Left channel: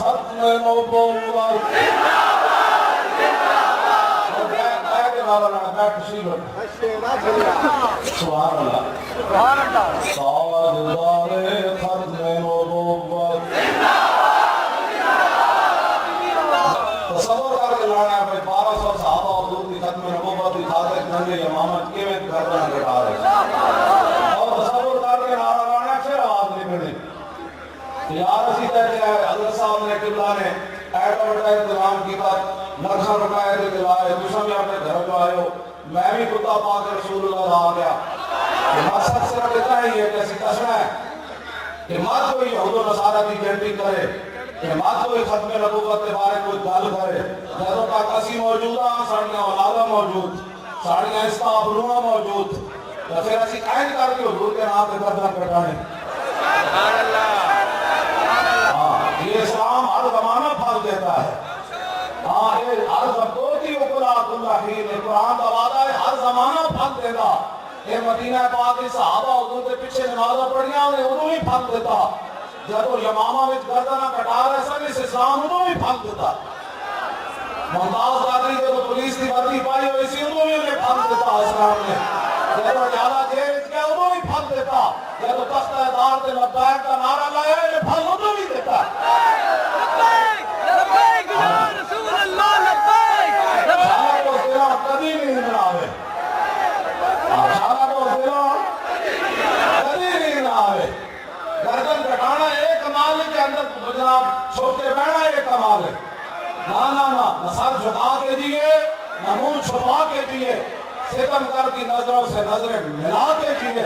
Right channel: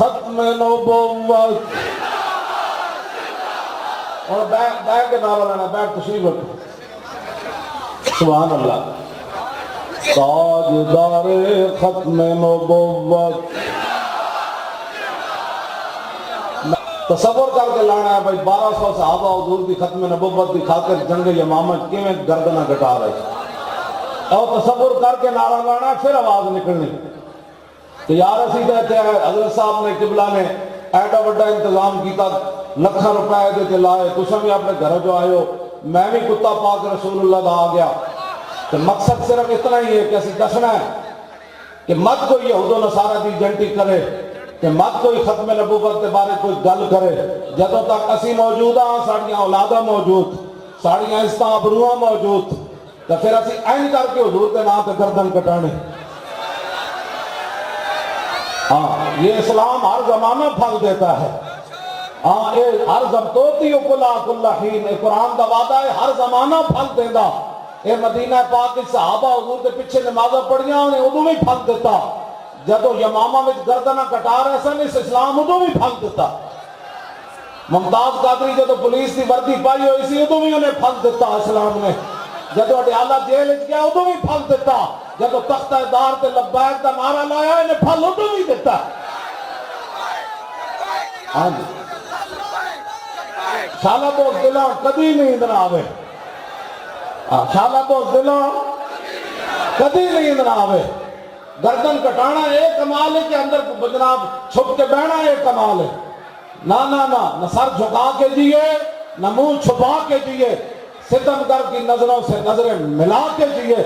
ختم نبوت اور بیٹھ کے نعرہ لینا بیٹھ تشریف رکھیں سبحان اللہ تاجدار ختم نبوت تصور کر کے لانا ہے بھائی 1200 صحابہ حضور کی ختم نبوت کی خاطر جنگ یمامہ کے میں گردنہ کٹا رہے اور تصور کر کے نعرہ لانا ہے پھر آواز نکلنی کہ یا رسید ہے کہ حضرت صاحب نے قبلہ نے ایڈا بڑا انتظام کیتا لکھا روپے دے کے لائے کچھ ہم اپنے گھر جو آئے ہو میں بھی کتا پاک رسول اللہ دا آ گیا کہ مقصد صرف اتنا ہی ہے کہ اسی دسنا ہے کہ مت کوئی یہود و نصارہ دی جنٹی کرے کہ مت کوئی ختم نبوت کے بارے کوئی گل کرے جدوں تک اسی موجود ہاں ساڑیاں اولادہ موجود ساڑیاں استابروہ موجود تو پھر اسی این کر کے حضور کے نام پہ گردن کٹانے ہاں یہ اسلام ہر زمانہ پھل دیتا ہے ہاں یہ ہر زمتوتی اکلا کلا حین قرآن دا وعدہ ہے ہر زمانہ پھل دے گا یہ مدینہ پاک کے صحابہ حضور کے پیچھے نمازہ پڑھیاں انہیں ادھو بھی پھل دیتا جدو یمامہ میں گردنہ کٹا رہے سن اس اسلام ادھو بھی پھل دیتا ممتاز قادری جدو پولیس کی وردی پائی ہوئی سی ادھو بھی انہیں پھل دیتا اسلام نے جدو اڈیالہ جیل کیا ادھو بھی پھل دیتا جدو تختہ دار تے لبیک کا نعرہ لایا انہیں پھل ادھو بھی دیتا شالہ تو دلوں کبھی نہیں ادھر آوے شالہ تو دلوں کبھی نہیں ادھر آوے گردن کٹانا ایک کمال ہے کہ اندر جناب چھپ کے بہنا ایک کمال ہے نہ سر جھکا کے دیئے نہ منہ چھپا کے دیئے ستمگر کی نظروں سے نظریں ملا کے دیئے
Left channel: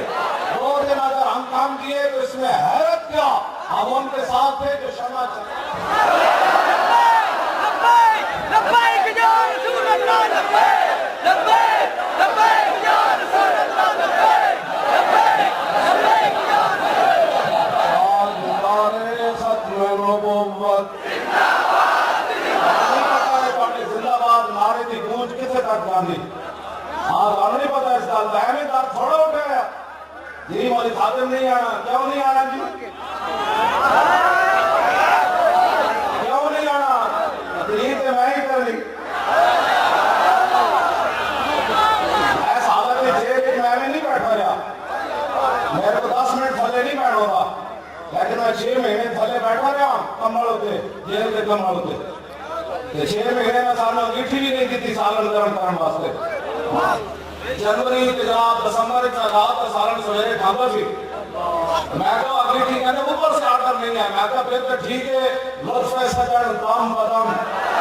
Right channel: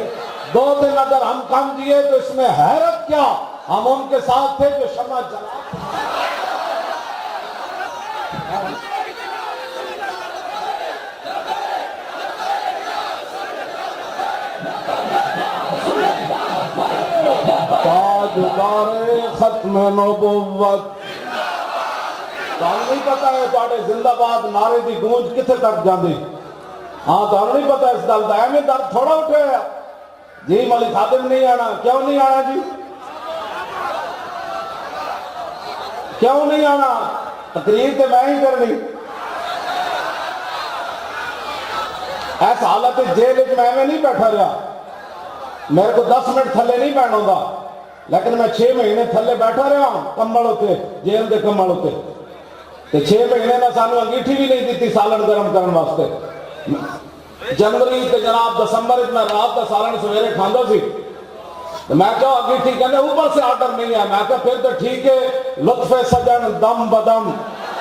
دو دن اگر ہم کم دیئے تو اس میں حیرت کیا ہم ان کے ساتھ تھے کہ شمع چلا ختم نبوت نہیں پتا ہے تھوڑے زندہ باد نعرے کی گونج کتنے تک جاندی ہاں تو نہیں پتا اس گل کا ایویں درد تھوڑا اٹھ گیا جی مولوی خادم نہیں آنا کیوں نہیں آنا جی کیوں نہیں آنا تقریر تو میں ہی کرنی ایسا حالت جیل ایک میں نہیں بیٹھا رہا میرے کو 10 منٹ تھلے نہیں بیٹھا گا لیکن میں 6 مہینے تھلے بیٹھا رہا کمبل ہوتے جیل کے کمبل ہوتے تو 6 مہینے کا سال انگیٹھی بھی نہیں دیتی سالن گرم کرنے واسطے جنوری تے جناب دسمبر میں رات کا سالن سویرے کھاندو سی میں کہا انگیٹھی کہنے اوپر سے آرڈر نہیں ہے میں کہا پھر تو ٹھیک ہے لطف سجن دم بدم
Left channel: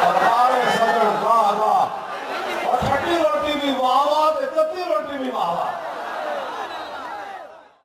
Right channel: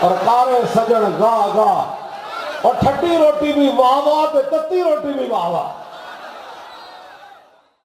اور کارے سجن گاہ گاہ اور ٹھٹی روٹی بھی واہ واہ تے تتی